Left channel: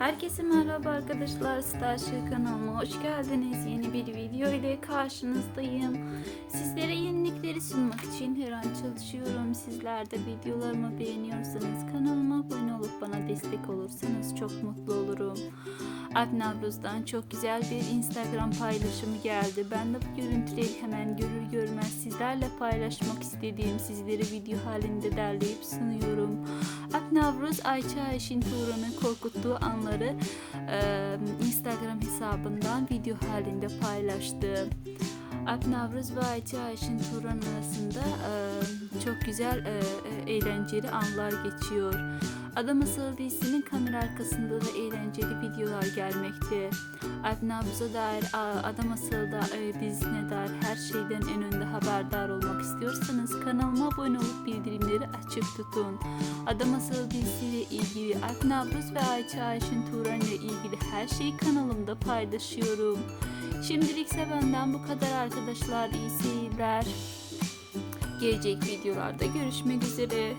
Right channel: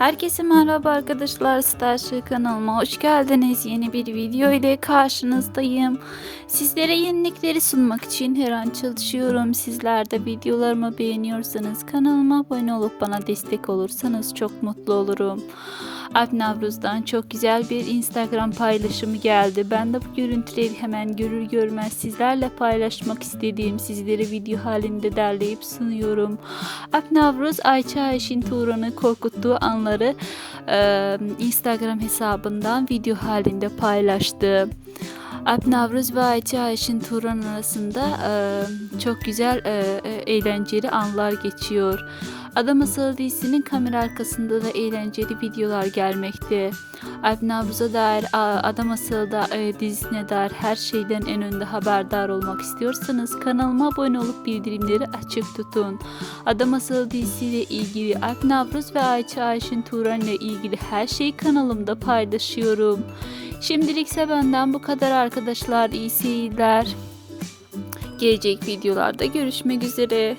Herkese merhaba arkadaşlar Starship kanalıma hoş geldiniz. Yeni bir video ile karşınızdayım. Sizlere yenilikleri sunmak için her an çalışıyorum. Sizler de videolarımı beğeniyorsanız kanalıma abone olup bana destek olursanız çok mutlu olurum. Alp Navruz'dan çok güzel bir Instagram paylaşımı geldi. Ben de bu görüntüleri hemen görür görmez sizlerle paylaşmak istediğim sizlere video halinde derleyip sunuyorum. Alp Navruz Ayça Ayşin Turan'ı korkuttuğu anları e, Instagram hesabından video halinde paylaştı. Alp Navruz ve Ayça Ayşin Turan arasında e, çok güzel e, e, eğlenceli anlar geçiyor. Adam Masalı dizisinin kamera arkasında da eğlenceli videolar gelmekte. Alp Navruz'a dair a, Adam Masalı da, e, dizisine dair her şeyden en önde haberdar olmak istiyorsanız kanalıma abone olup bildirimleri açık tutun. Adam Masalı dizisiyle ilgili Alp Navruz ve Ayça Ayşin Turan ile ilgili her şeyi kanalımda paylaşıyorum. Şimdilikse benden bu kadar arkadaşlar. İyi seyirler. Gelecek videolarda görüşmek üzere.